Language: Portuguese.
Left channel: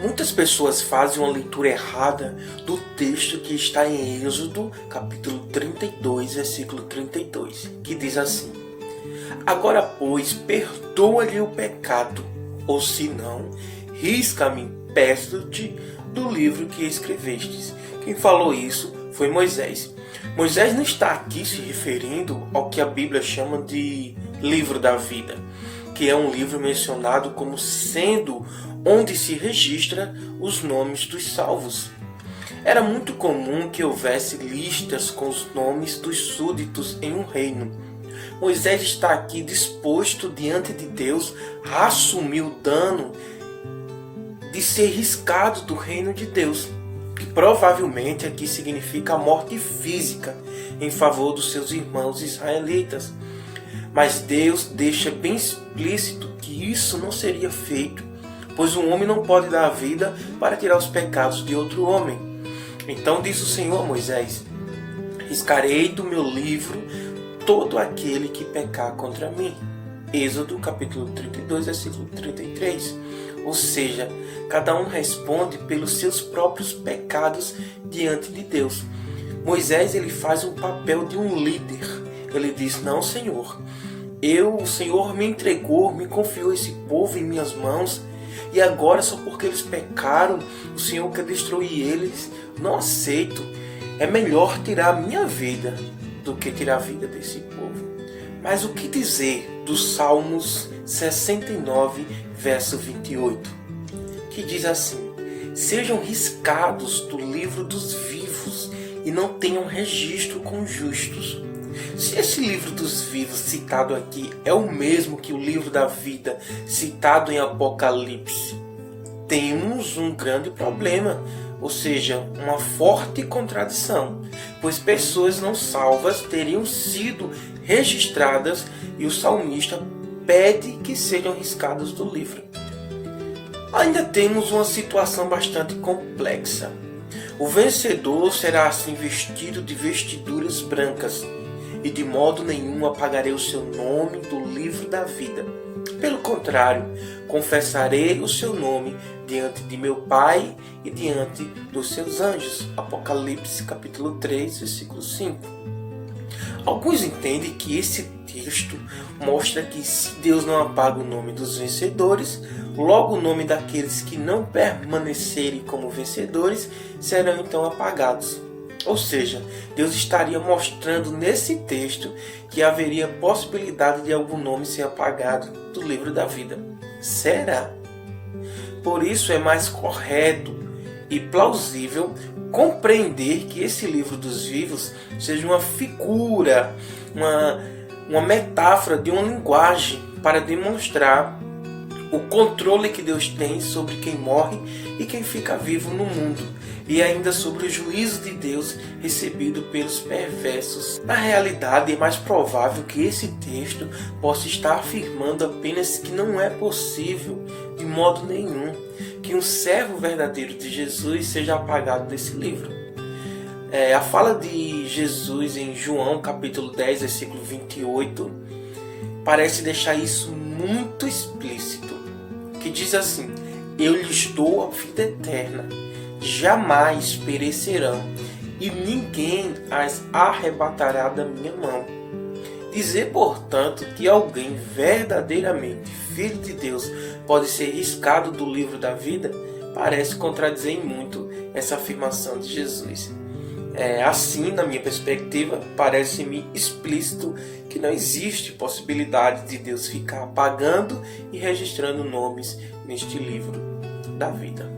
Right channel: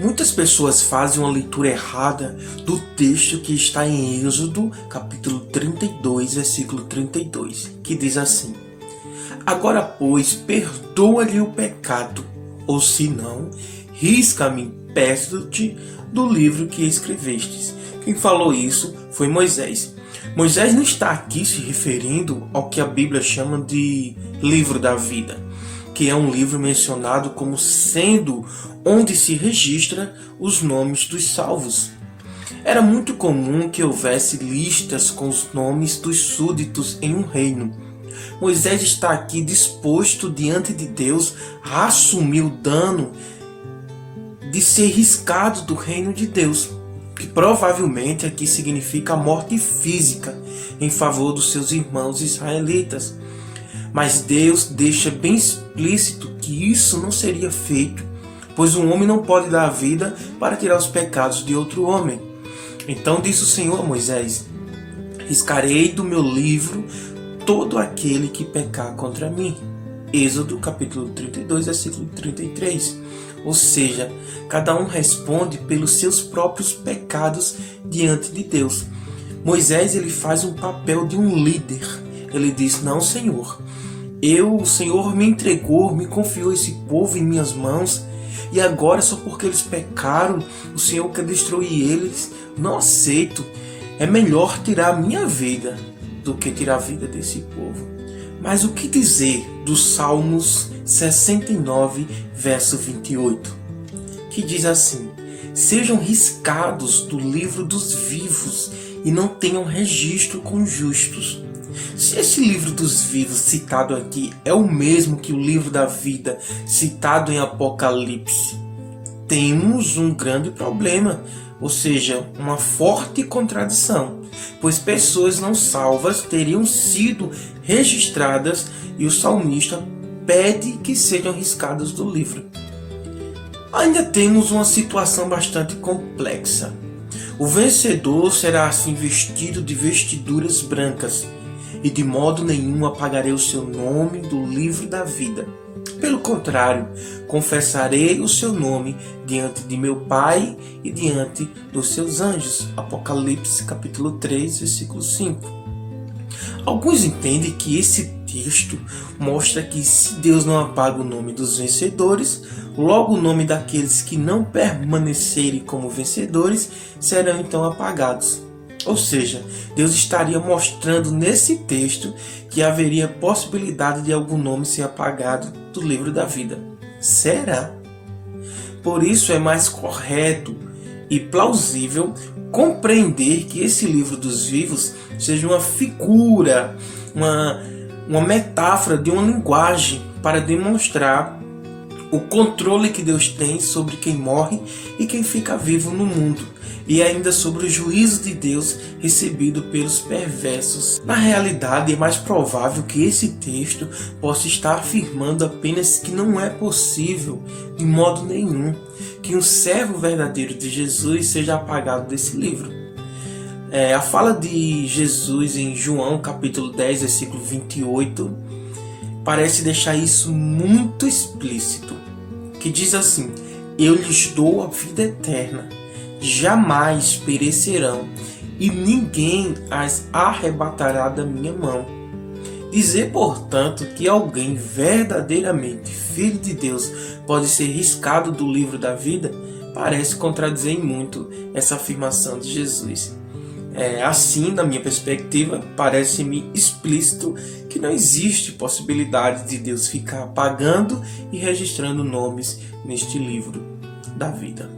Muitas pessoas fazem uma leitura errada do texto que está em Êxodo, capítulo 32, versículo 32, que diz assim: Agora, pois, perdoa-lhe o pecado, ou se não, risca-me, peço-te, do livro que escrevestes. Quem falou isso foi Moisés. Moisés não está aqui se referindo ao que a Bíblia chama de livro da vida, que é um livro mencionado como sendo onde se registra os nomes dos salvos. Era muito comum que houvesse listas com os nomes dos súditos em um reino. Moisés está aqui disposto diante de Deus a assumir o dano de ser riscado do reino de Deus, que provavelmente aqui significa a morte física em favor dos seus irmãos israelitas. Mas Deus deixa bem explícito que isso não seria feito, pois um homem não pode dar a vida para tirar os pecados de outro homem. Então diz o Senhor a Moisés: riscarei do meu livro todo aquele que pecar contra mim. Êxodo capítulo 32, versículo 33. Ou seja, cada um responde pelos seus próprios pecados diante de Deus. Moisés ele faz um papel de um líder. Ele diz: não, Senhor, o Senhor me entregou, me confiou esse povo em minhas mãos, e agora só porque eles pecaram, o Senhor quer destruir eles. Não aceito. É melhor tirar a minha vida do que tirar a vida desse povo. Mas o que dizer dos Salmos 69, verso 28, que diz assim: sejam riscados do livro dos vivos e não tenham registro com os justos. Se esse livro dos vivos citado aqui é o mesmo que o livro da vida citado em Apocalipse, temos um grande problema, ou seja, uma forte contradição, pois pessoas não salvas teriam sido registradas e o salmista pede que sejam riscados do livro. Ainda temos uma situação bastante complexa. O vencedor será assim vestido de vestiduras brancas, e de modo nenhum apagarei o seu nome do livro da vida. Pelo contrário, confessarei o seu nome diante de meu Pai e diante dos seus anjos. Apocalipse capítulo 3, versículo 5. Alguns entendem que esse texto mostra que se Deus não apaga o nome dos vencedores, logo o nome daqueles que não permanecerem como vencedores serão então apagados. Ou seja, Deus estaria mostrando nesse texto que haveria possibilidade de algum nome ser apagado do livro da vida. Será? Por isso é mais correto e plausível compreender que esse livro dos vivos seja uma figura, uma metáfora de uma linguagem para demonstrar o controle que Deus tem sobre quem morre e quem fica vivo no mundo, e ainda sobre o juízo de Deus recebido pelos perversos. Na realidade, é mais provável que esse texto possa estar afirmando apenas que não é possível, de modo nenhum, que um servo verdadeiro de Jesus seja apagado desse livro. A fala de Jesus em João capítulo 10, versículo 28, parece deixar isso muito explícito, que diz assim: eu lhes dou a vida eterna, jamais perecerão, e ninguém as arrebatará da minha mão. Dizer, portanto, que alguém verdadeiramente filho de Deus pode ser riscado do livro da vida, parece contradizer muito essa afirmação de Jesus. Assim, na minha perspectiva, parece-me explícito que não existe possibilidade de Deus ficar apagando e registrando nomes neste livro da vida.